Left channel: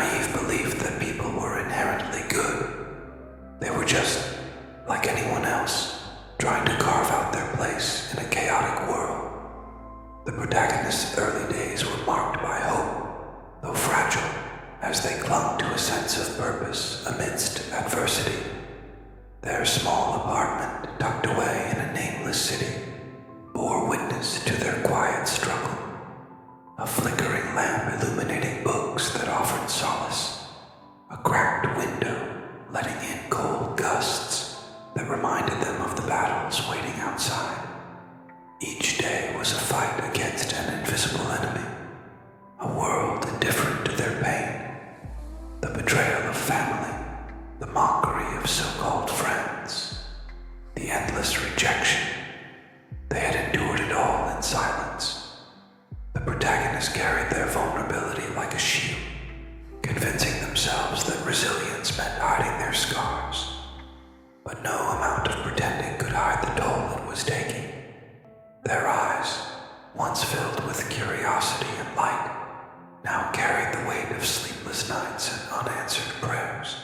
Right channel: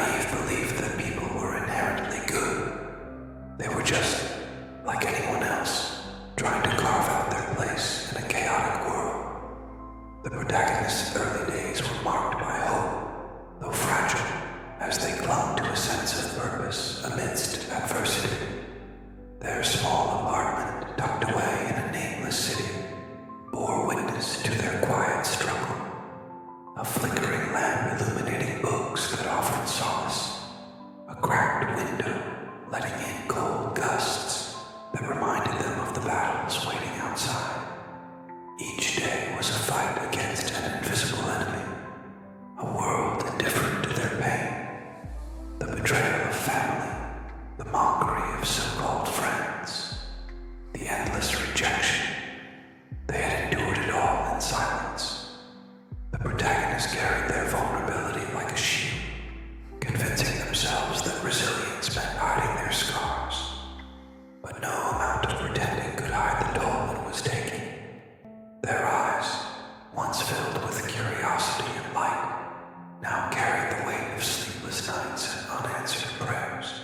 naive belief that people were inherently good. They were just like anyone else, trying to carve out their place in a chaotic world. The protagonist's early days were marked by hope, though fragile, as they clung to a sense of purpose amidst adversity. Their small apartment, tucked away in a nameless city, bore witness to their quiet struggle. A flickering lamp illuminating books that offered solace. A cracked window letting in cold gusts that reminded them of the battles waiting outside. Each day was a fight against an invisible enemy, a world indifferent to their pain, the betrayal of family, the mockery of so-called friends, the endless rejection. They had endured it all in silence. The protagonists carried their vulnerability like a shield, convincing themselves that resilience meant hiding their scars. But no amount of pretending could hide the toll it was taking. Their eyes, once filled with curiosity and light, now carried the weight of sleepless nights and unanswered prayers.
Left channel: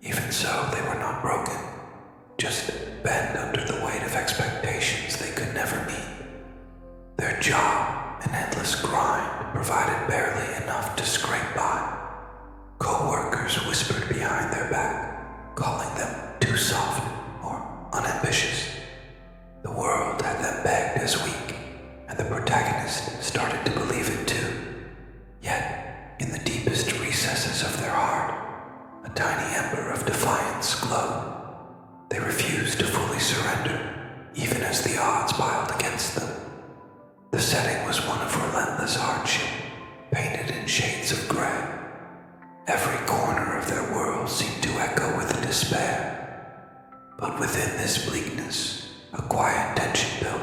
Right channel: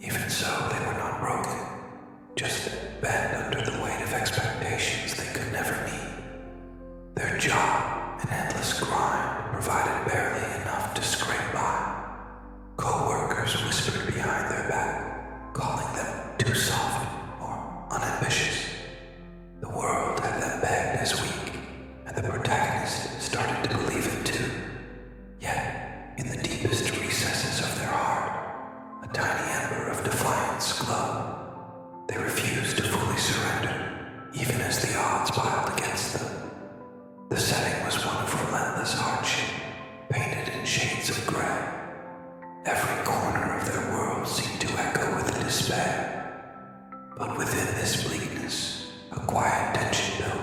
Even so, they were not broken, just bent under the weight of expectations they could never meet. Their job, an endless grind, provided barely enough to scrape by. Co-workers whispered behind their back, calling them too soft or unambitious. The world had them pegged as weak, and the protagonist started to believe it too. Yet, in the deepest recesses of their heart, a tiny ember of defiance glowed. They refused to fully surrender, even as the odds piled against them. The setting was one of relentless hardship, painted in shades of gray. Every corner of their world seemed to echo with a despair. But within this bleakness, a quiet tension built,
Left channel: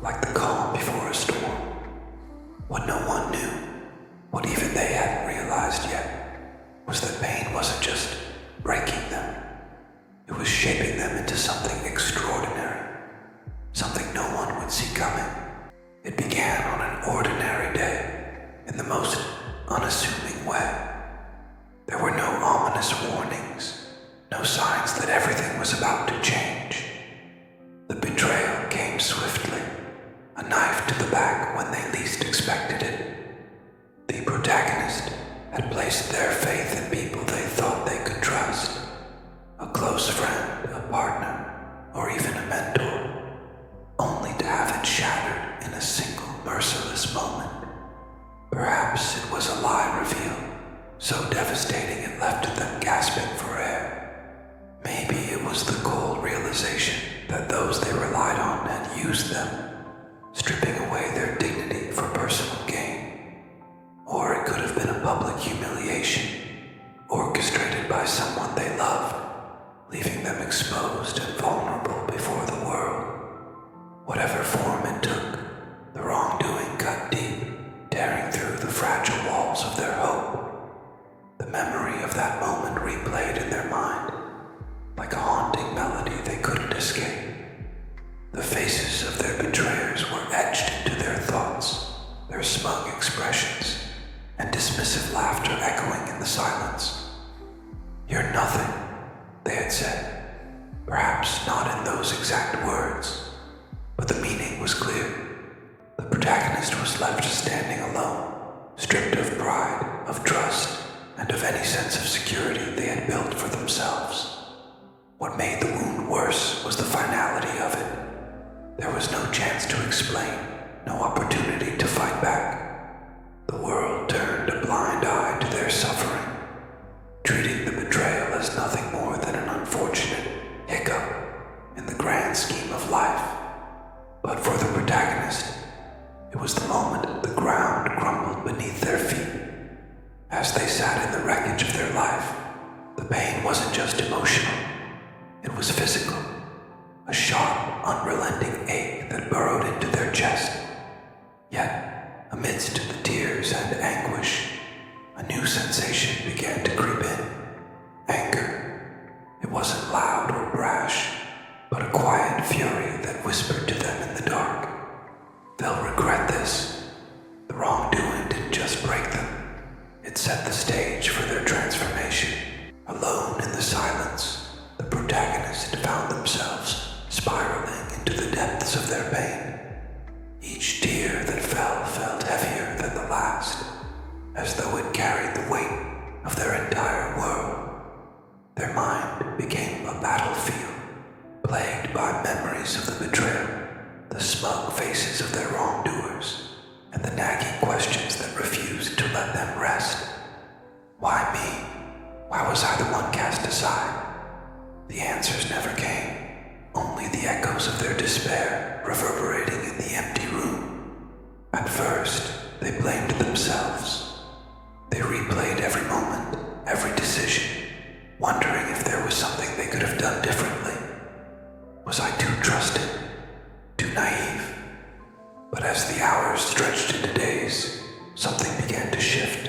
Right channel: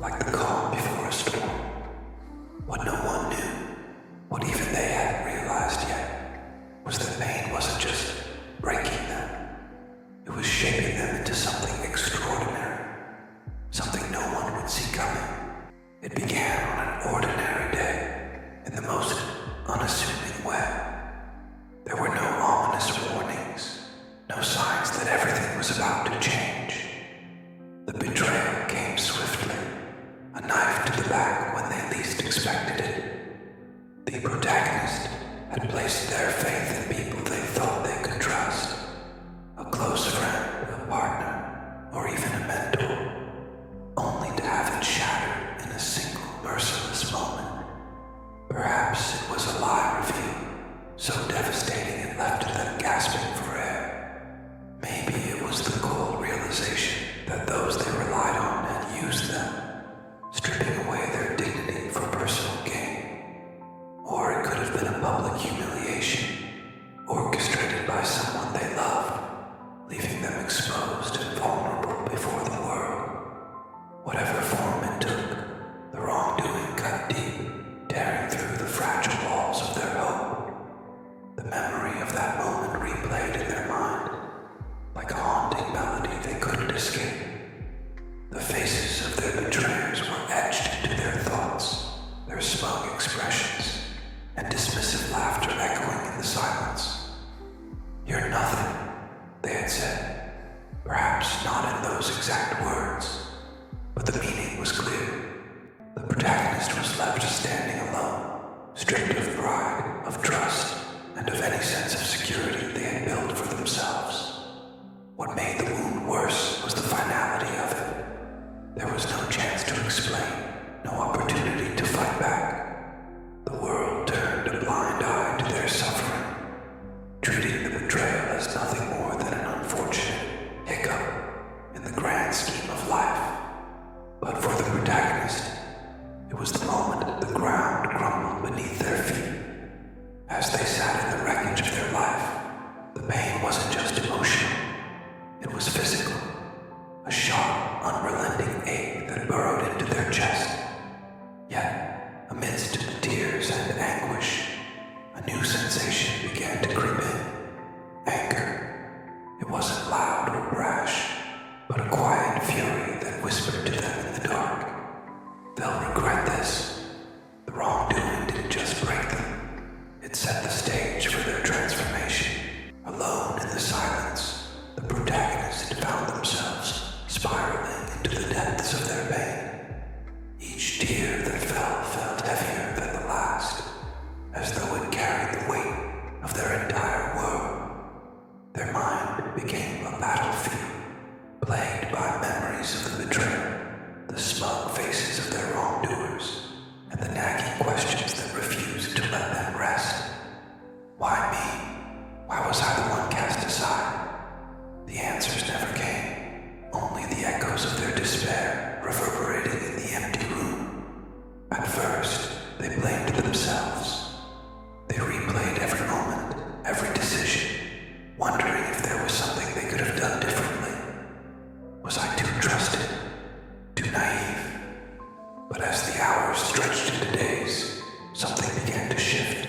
like the calm before a storm. What no one knew, what even they hadn't realized yet, was that pain wasn't just breaking them. It was shaping them into something extraordinary, something no one would see coming. It began on an ordinary day, in the most unassuming way. There were no ominous warnings, no signs that everything was about to change. The betrayal came swiftly, a knife to the back when they least expected it. The protagonist had placed their faith in people they thought they could trust, a close friend, a partner, or even a mentor, only to have it shattered in a single merciless moment. Perhaps it was a lie reveal, so devastating it left them gasping for air. Maybe it was the cold realization that those they relied on had used them, stripping away their dignity for personal gain. Or it could have been a public humiliation, orchestrated by someone they loved, leaving them exposed and vulnerable before the world. Whatever form it took, the wrongdoing cut deep, tearing through the fragile walls of their hope. The memory of that moment replayed in their mind, like a haunting melody they couldn't escape. The faces of their betrayers were etched into their thoughts, their smug expressions, and dismissive laughter echoing in the silence. "You're nothing," they had said, perhaps not in those exact words, but the meaning was clear. The protagonist was left standing alone, stripped of pride, of trust, and of any sense of security they had built for themselves. What made the wound worse was the finality of it. There was no chance to explain, no opportunity to fight back. The world turned a blind eye to their suffering, treating the betrayal as nothing more than an unfortunate hiccup in the grand scheme of life. But for the protagonist, it was the moment the ground crumbled beneath their feet. As they sat in the wreckage of their life, the pain wasn't just emotional, it was physical. A sharp, unrelenting ache that burrowed into their chest. Yet, amidst the tears and anguish, a new sensation began to creep in. Anger. It wasn't loud or brash, but a quiet fury that whispered to them in the dark. "They'll regret this." The wrongdoing didn't just break them, it set the stage for their transformation. Alone in the silence, the protagonists found themselves spiraling into the depths of their pain. Each tear that fell felt heavier than the last, as though it carried the weight of their entire world. Their mind became a battlefield, plagued by memories of the betrayal, the smug faces of their wrongdoers, and the nagging questions that refused to let them rest. Why me? Why was I the one cast aside? The answers never came, only the echoes of their despair reverberating in the empty room. At first, they blamed themselves. They replayed every moment, every decision, wondering if there was something they could have done differently. Was I too trusting? Too naive? But as the hours stretched into days, something began to shift.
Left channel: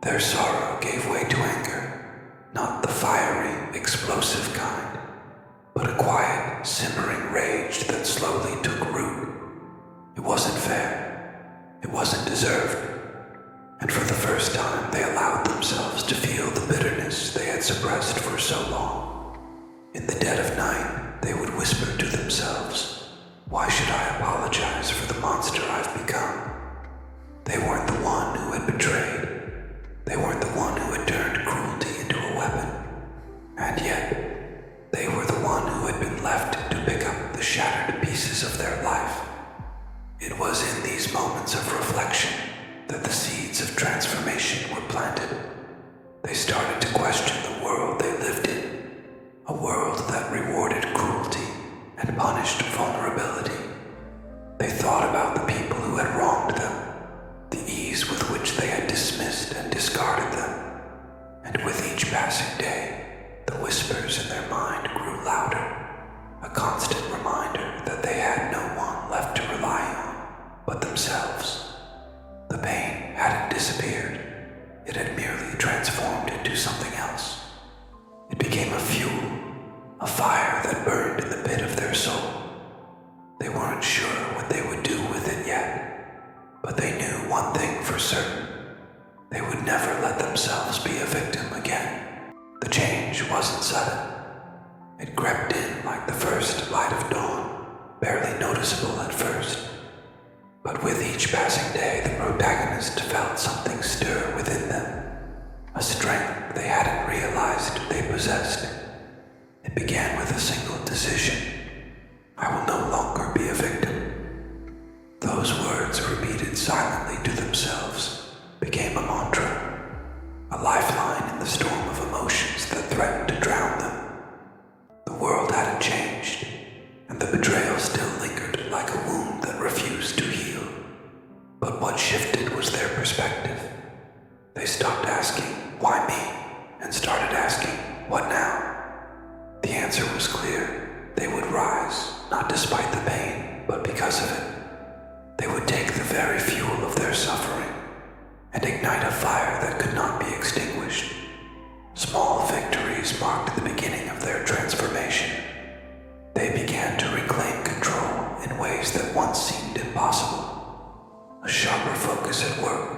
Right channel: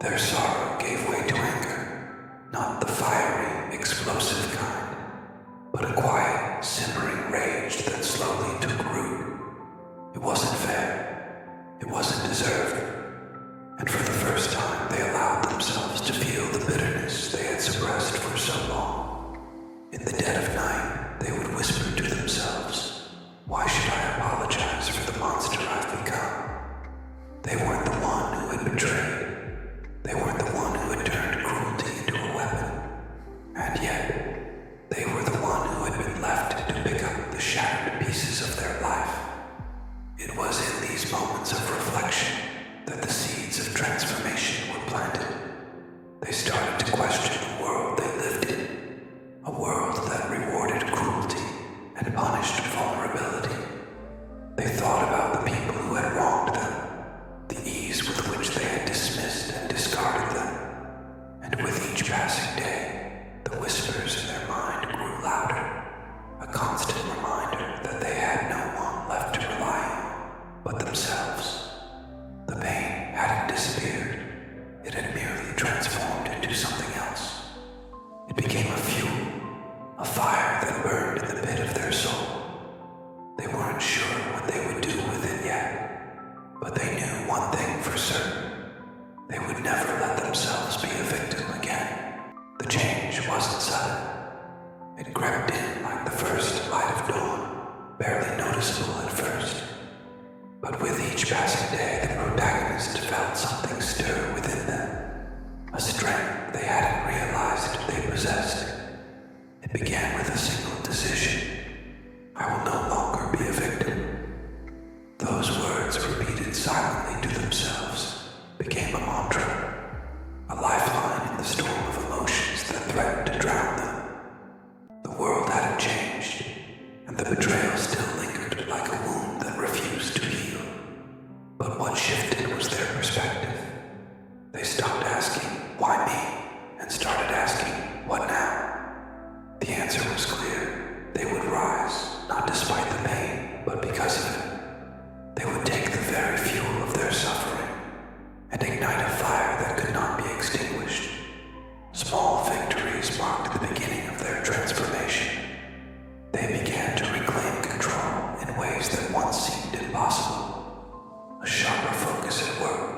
Their sorrow gave way to anger, not the fiery, explosive kind, but a quiet, simmering rage that slowly took root. It wasn't fair. It wasn't deserved. And for the first time, they allowed themselves to feel the bitterness they had suppressed for so long. In the dead of night, they would whisper to themselves, "Why should I apologize for the monster I've become?" They weren't the one who had betrayed. They weren't the one who had turned cruelty into a weapon. And yet, they were the one who had been left to pick up the shattered pieces of their life. It was in these moments of reflection that the seeds of transformation were planted. They started to question the world they lived in, a world that rewarded cruelty and punished vulnerability. They thought about the people who had wronged them, the ease with which they had dismissed and discarded them, and with each passing day, the whispers in their mind grew louder, a constant reminder that they had no one left to rely on but themselves. The pain hadn't disappeared. It had merely transformed into something else. It became a fuel, a fire that burned in the pit of their soul. They weren't sure what they would do with it yet, but they knew one thing for certain. They would never let themselves be a victim again. The change wasn't sudden. It crept in like the first light of dawn, barely noticeable at first. But with each passing day, the protagonist felt something stir within them, a strength they hadn't realized they possessed. It began with a single decision. I will no longer be a victim. Those words, repeated silently to themselves, became a mantra, a lifeline in the storm of emotions that threatened to drown them. The world hadn't changed, and the betrayal still lingered like a wound that refused to heal. But what shifted was their perspective. They stopped asking, "Why me?" and started asking, "What now?" The answer was clear. They would rise, not despite the pain, but because of it. They would take the very fuel of their suffering and ignite a fire that could not be extinguished. Small victories marked the beginning of their transformation. They began to reclaim control in ways that once seemed impossible. A sharper focus at work,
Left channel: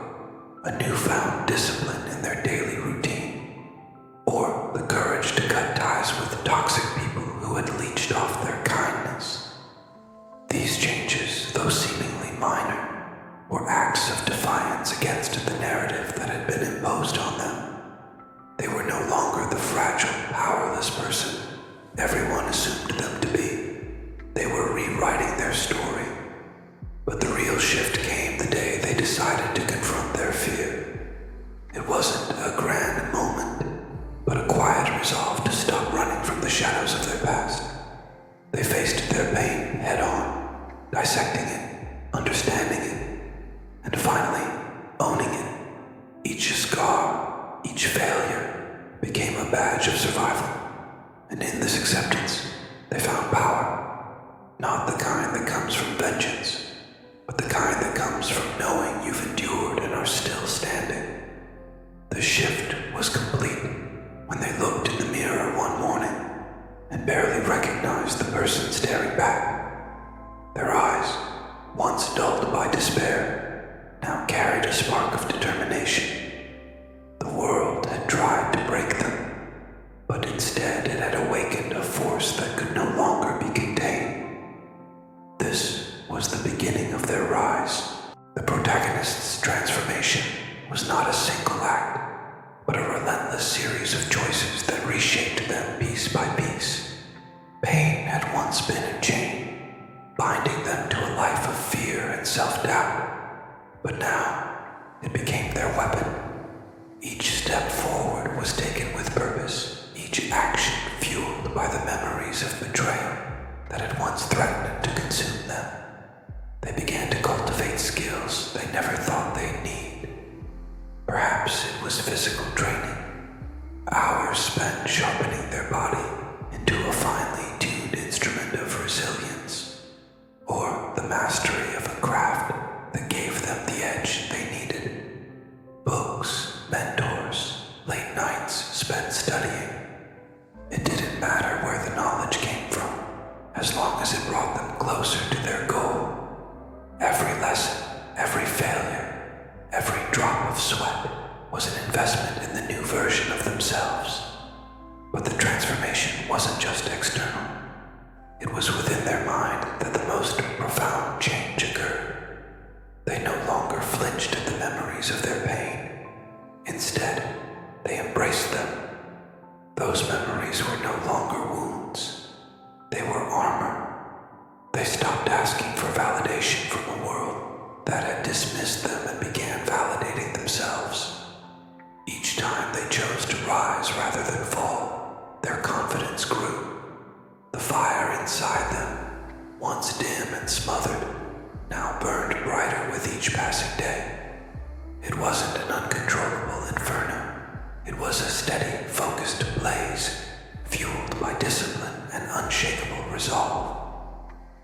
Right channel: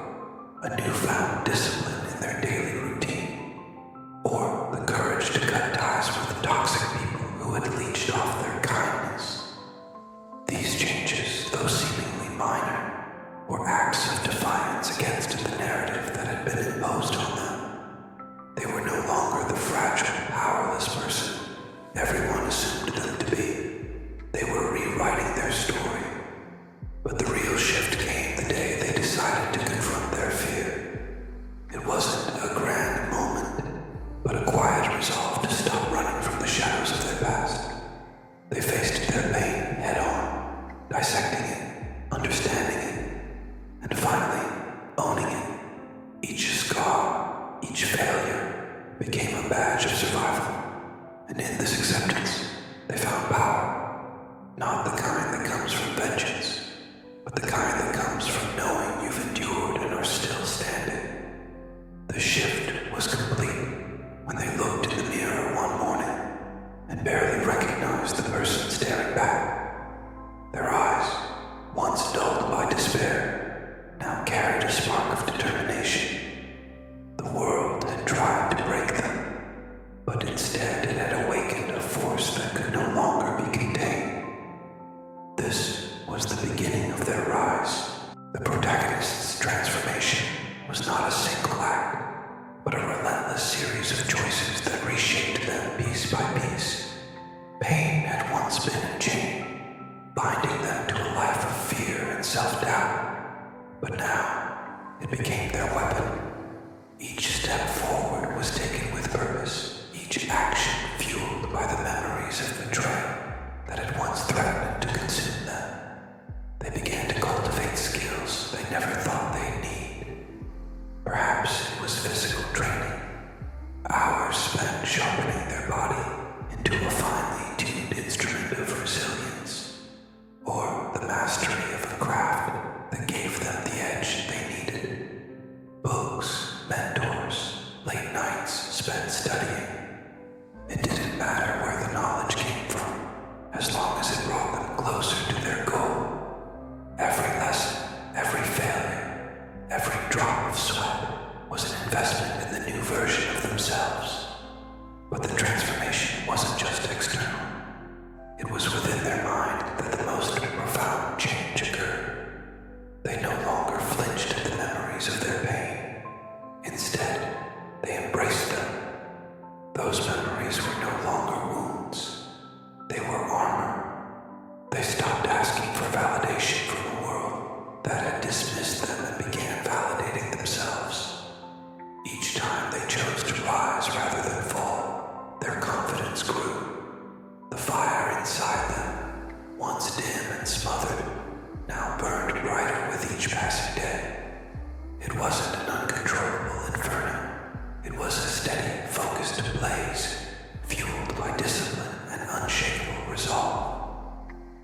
a newfound discipline in their daily routine, or the courage to cut ties with toxic people who had leached off their kindness. These changes, though seemingly minor, were acts of defiance against the narrative that had been imposed on them. They were no longer the fragile, powerless person everyone assumed them to be. They were rewriting their story. But the real shift came the day they decided to confront their fear. It wasn't a grand moment, but a quiet resolve to stop running from the shadows of their past. They faced their pain head-on, dissecting it, understanding it, and finally owning it. Each scar, each failure, became a badge of survival. And in this acceptance, they found power. Not the kind that comes from vengeance, but the kind that comes from knowing you've endured and are still standing. The shift was complete when they looked in the mirror one morning and barely recognized the person staring back. Their eyes, once dulled by despair, now carried a spark of determination. The The protagonist's transformation was not a single act, but a relentless series of choices that reshaped them piece by piece. Pain had once been a chain, binding them to a life of fear and self-doubt, but now it became their weapon. Each step forward was taken with purpose, each action fueled by the memories of betrayal that had once threatened to consume them. They began to cultivate skills they never thought they'd need. Perhaps it was physical training, hours spent sharpening their body into a finely tuned instrument of resilience, or the mastery of a craft that gave them the edge they needed. Books, mentors, late nights spent studying. It didn't matter where the knowledge came from, as long as it brought them closer to their goal. Every lesson, every failure, every drop of sweat was an investment in the new version of themselves. But the transformation wasn't just external. It was within their mind that the most profound change occurred. They no longer flinched at the memories of their pain. Instead, they embraced them. Those memories were no longer wounds. They were armor. They stopped asking for validation from the world that had dismissed them and began validating themselves. Each time they chose to rise rather than fall, their confidence grew. The fire inside them, once dim and smothered, now burned brighter with each passing day. It wasn't an uncontrollable inferno. It was a steady, focused blaze, fueled by discipline and unshakable resolve.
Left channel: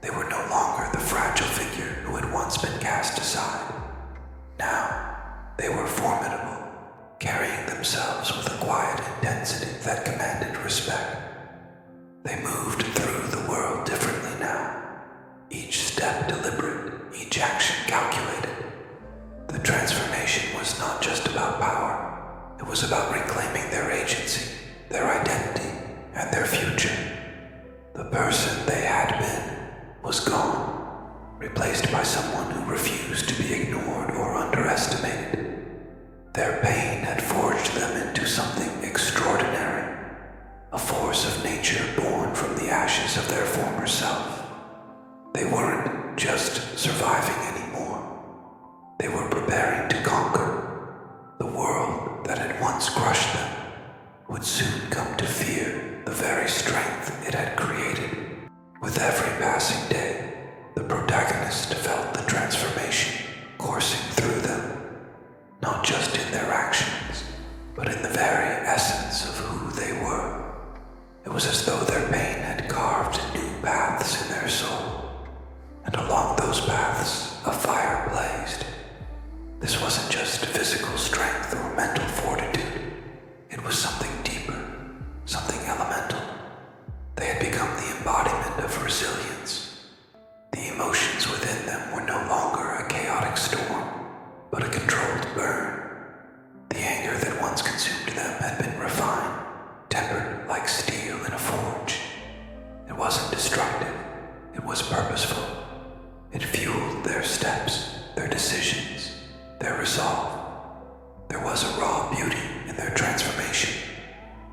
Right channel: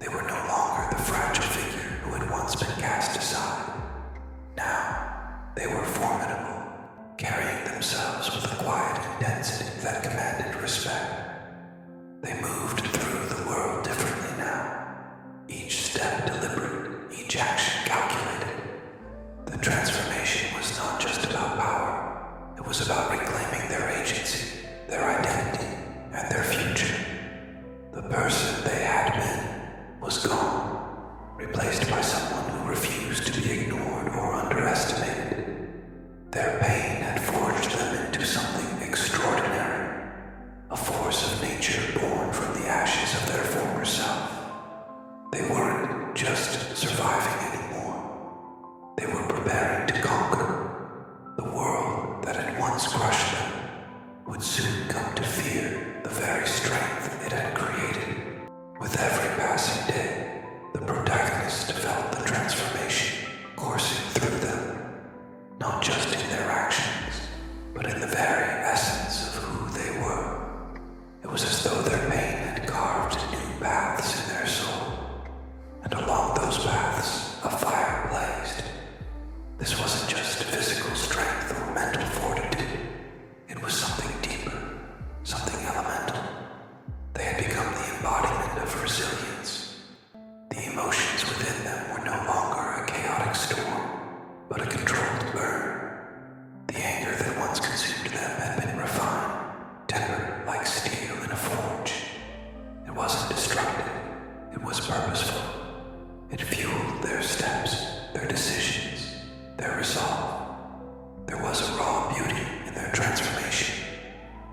They were no longer the fragile figure who had once been cast aside. Now, they were formidable, carrying themselves with a quiet intensity that commanded respect. They moved through the world differently now, each step deliberate, each action calculated. The transformation was not just about power, it was about reclaiming their agency, their identity, and their future. The person they had been was gone, replaced by someone who refused to be ignored or underestimated. Their pain had forged them into something extraordinary, a force of nature born from the ashes of their former self. They weren't just surviving anymore. They were preparing to conquer. The world that had once crushed them would soon come to fear the very strength it had created. With every passing day, the protagonist felt the transformation coursing through them, not just in their actions, but in the very essence of who they were. It was as though their pain had carved new paths in their soul, and along those paths, a fire blazed. This wasn't just physical strength or mental fortitude. It was something deeper, something elemental. They had become the embodiment of resilience. The emotions within them were no longer a chaotic storm, but a controlled burn. The anger that once consumed them had been refined, tempered like steel in a forge. It wasn't destructive, it was purposeful. It fueled their steps, their decisions, their resolve. There was a raw beauty in their transformation,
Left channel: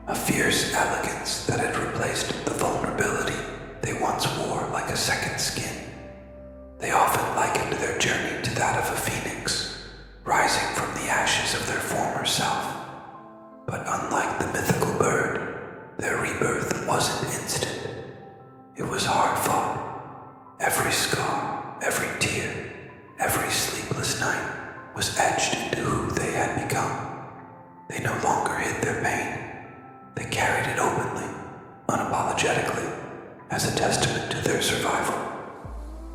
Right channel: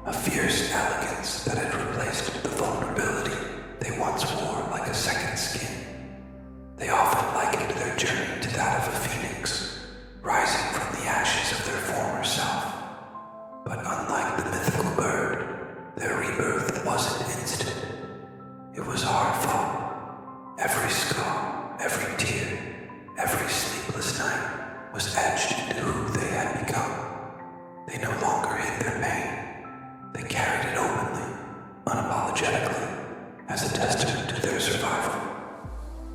a fierce elegance that had replaced the vulnerability they once wore like a second skin. They often likened their journey to that of a phoenix, rising from the ashes of their former self. But unlike the mythical bird, their rebirth wasn't instant. It was hard-fought. Every scar, every tear, every sleepless night was etched into who they had become. They no longer hid their pain. They carried it openly, unapologetically, as a testament to their survival.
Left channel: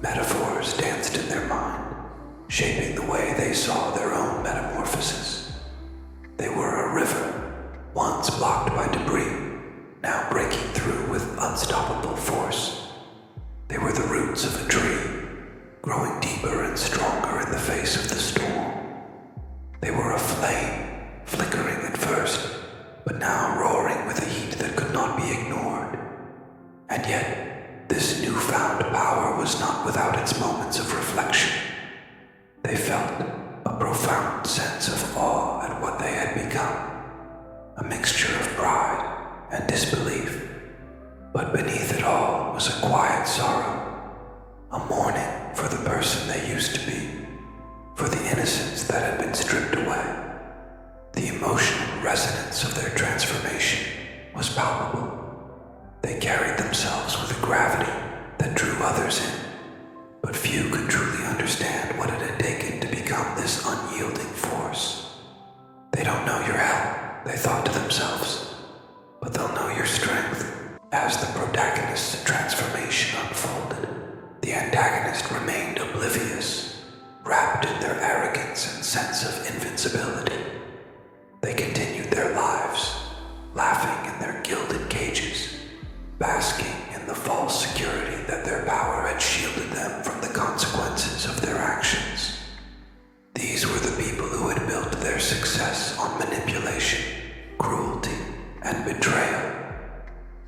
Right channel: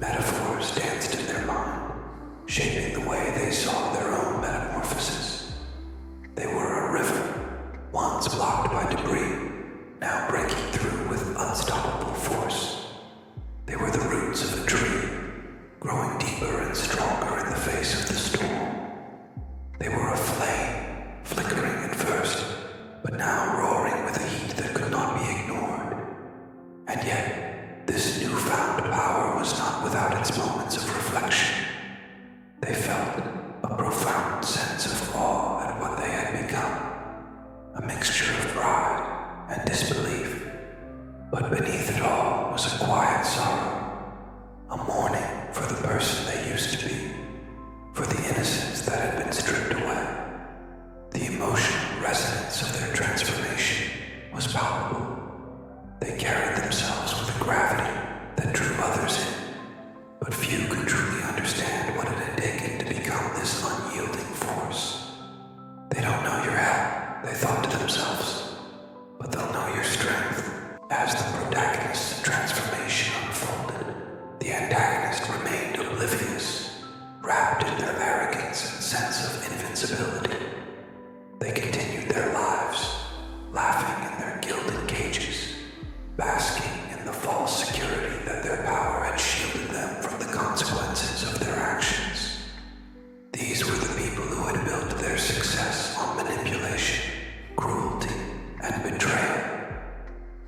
Metaphors danced in their mind, shaping the way they saw their own metamorphosis. They were a river, once blocked by debris, now breaking through with unstoppable force. They were the roots of a tree, growing deeper and stronger in the face of the storm. They were a flame, flickering at first, but now roaring with a heat that could not be ignored. And yet, this newfound power was not without its moments of reflection. They felt a mixture of pride and disbelief. But beneath it all was a quiet sorrow, a mourning for the person they used to be, for the innocence that had been stripped away. The emotional resonance of their transformation was palpable. They carried themselves with a gravity that drew others in, but few could truly understand what it had taken to become this unyielding force. They don't know your help, they thought to themselves, but they'll know your strength. As the protagonist's transformation unfolded, the antagonist remained oblivious, wrapped in their arrogance and sense of invincibility. They continued their lives, laughing in their gilded cages, basking in the false security that their power had shielded them from the consequences of their actions. These were the people who had built their success on manipulation, cruelty, and betrayal.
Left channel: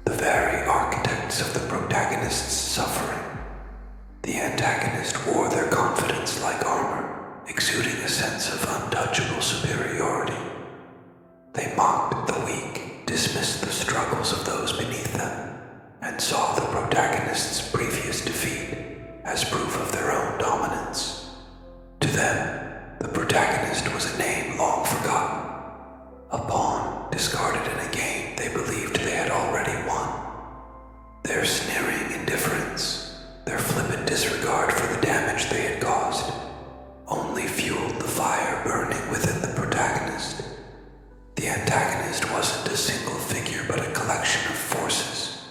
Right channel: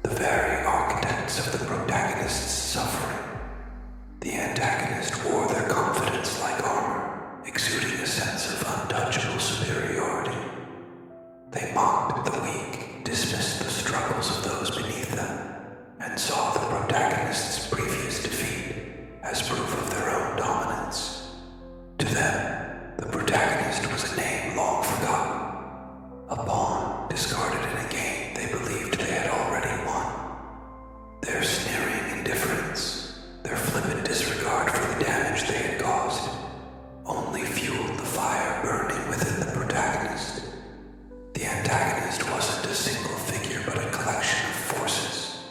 The very architects of the protagonist's suffering. The antagonist wore their confidence like armor, exuding a sense of untouchable superiority. They mocked the weak, dismissed the struggles of those beneath them, and saw the protagonist's previous defeat as proof of their own dominance. To them, the protagonist was a name long forgotten, a pawn discarded in a game they believed they had already won. Their sneering indifference, their flippant disregard for the damage they had caused, only fueled the fire burning within the protagonist. The antagonist wasn't a single figure but a collection of forces.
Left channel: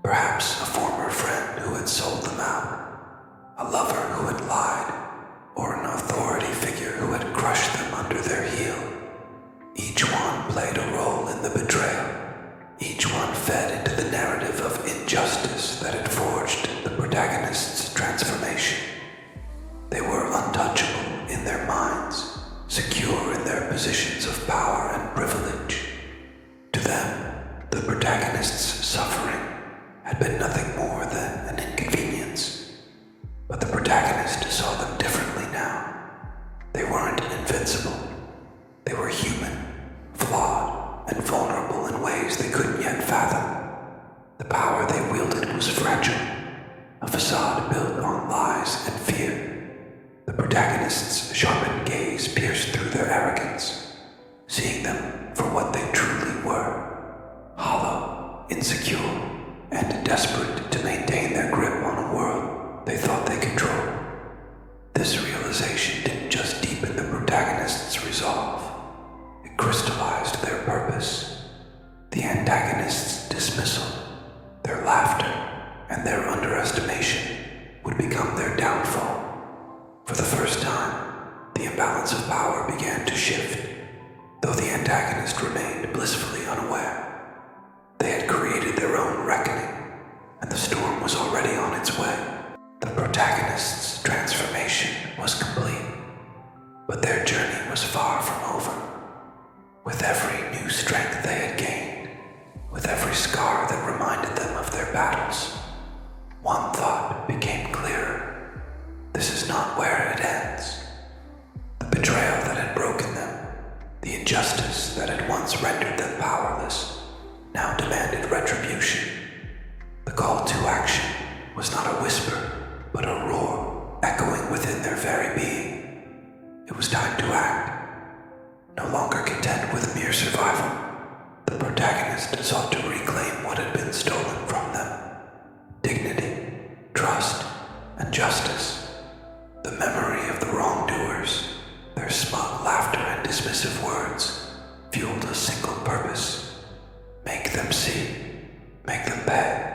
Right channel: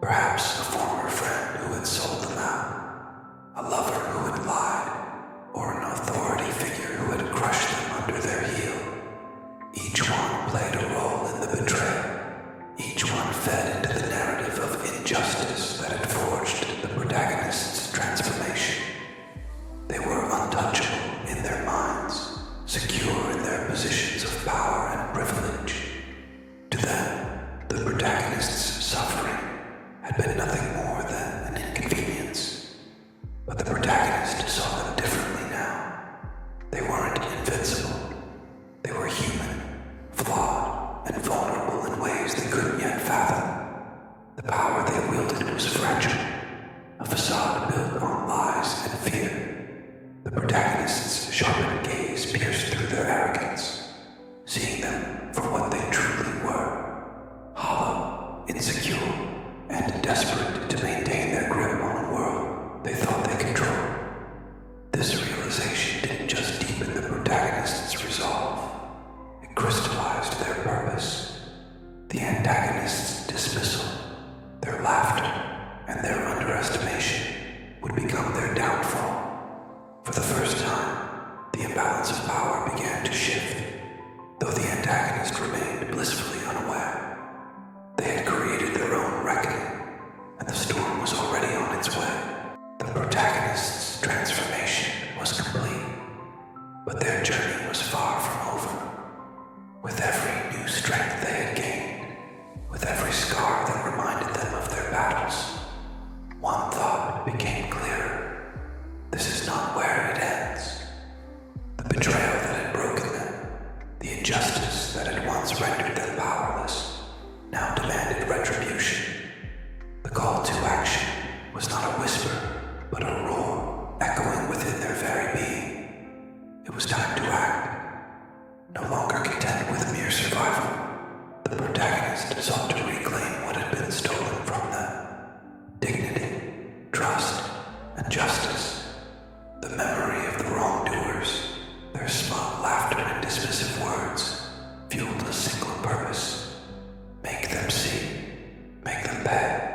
Perhaps a former friend who had sold them out, a lover who had lied, or an authority figure who had crushed them under their heel. Each one played a role in the betrayal. Each one fed into the narrative of injustice that had forged the protagonist's transformation. They were untouchable in their minds, secure in their positions of power and privilege. To them, the protagonist's suffering had been nothing more than an inconvenience. But the protagonist saw them differently now. They weren't invincible. They were human, flawed, and vulnerable in ways they couldn't yet fathom. The power they wielded was fragile, a facade built on lies and fear. The protagonist's sharpened gaze pierced through their arrogance, seeing them for what they truly were, hollow, insecure, and desperate to maintain their grip on a world they thought they controlled. This realization didn't just deepen the protagonist's resolve, it crystallized their purpose. The antagonist's dismissal, their laughter, and their underestimation would become their downfall. For the first time, the imbalance of power began to shift, though the antagonist remained blissfully unaware. They had created their own reckoning, and the storm was already on its way. The protagonist's transformation was complete, but their journey was far from over. With every new strength they had gained, with every scar that reminded them of their battles, one thought became clearer. This is not where it ends. The betrayal that had broken them, the injustice that had once rendered them powerless, now demanded retribution. The call to action was not a whisper, but a roar echoing within their very being. It was time to act. No longer content with mere survival, the protagonist sought to reclaim what had been stolen from them. Dignity, trust, and justice. The memory of the wrongdoers, their smug laughter and dismissive words, fueled a single purpose. Make them see, make them pay.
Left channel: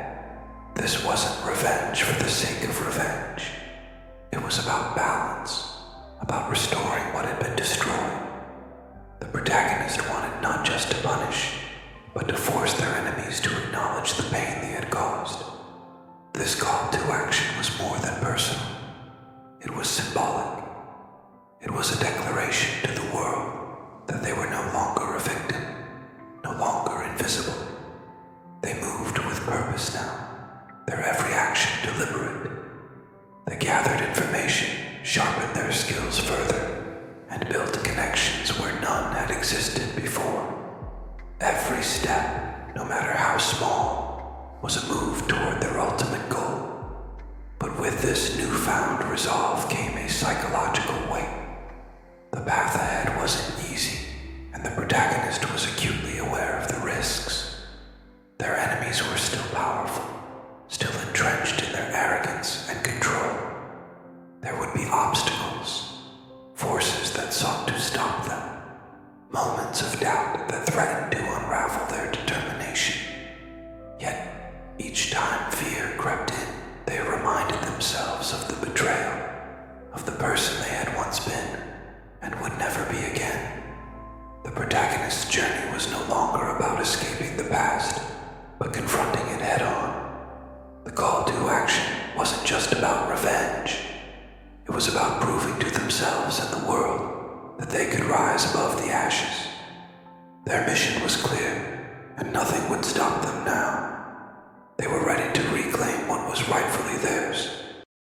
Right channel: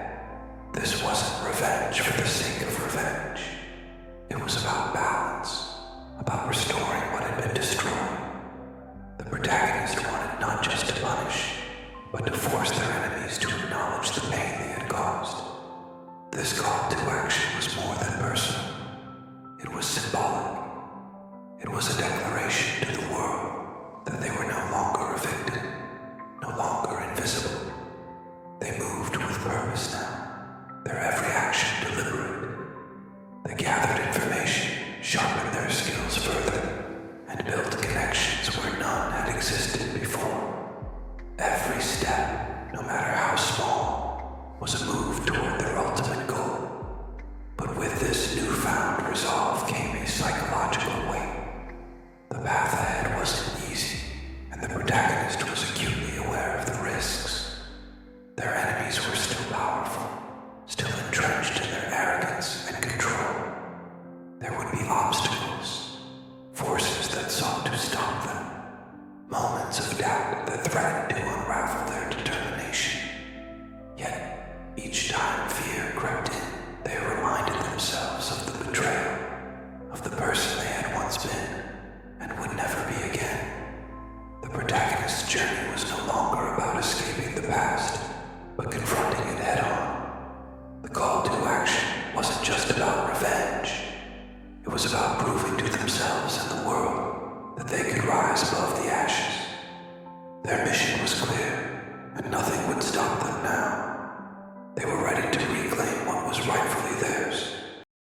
This wasn't revenge for the sake of revenge. It was about balance, about restoring what had been destroyed. The protagonist wanted not just to punish, but to force their enemies to acknowledge the pain they had caused. This call to action was more than personal. It was symbolic. It was a declaration to the world that they were no longer a victim, no longer invisible. They moved with purpose now, their every action deliberate. They gathered information, sharpened their skills further, and built connections where none had existed before. Every step, no matter how small, was a move toward their ultimate goal. But with this newfound resolve came a psychological weight. The path ahead wasn't easy, and the protagonist was acutely aware of the risks. Their enemies were still powerful, still entrenched in their arrogance and control. There would be obstacles, forces that sought to stop them, moments of doubt that threatened to unravel their determination. Yet, each time fear crept in, they reminded themselves of the betrayal, of the person they had once been, and would never be again. The protagonist's journey was no longer about escaping the past, but confronting it head-on. The call to action wasn't just about revenge. It was about proving to themselves and the world that they could rise above the ashes. Their mission was clear, and nothing would stop them now. They were ready to reclaim what was rightfully theirs.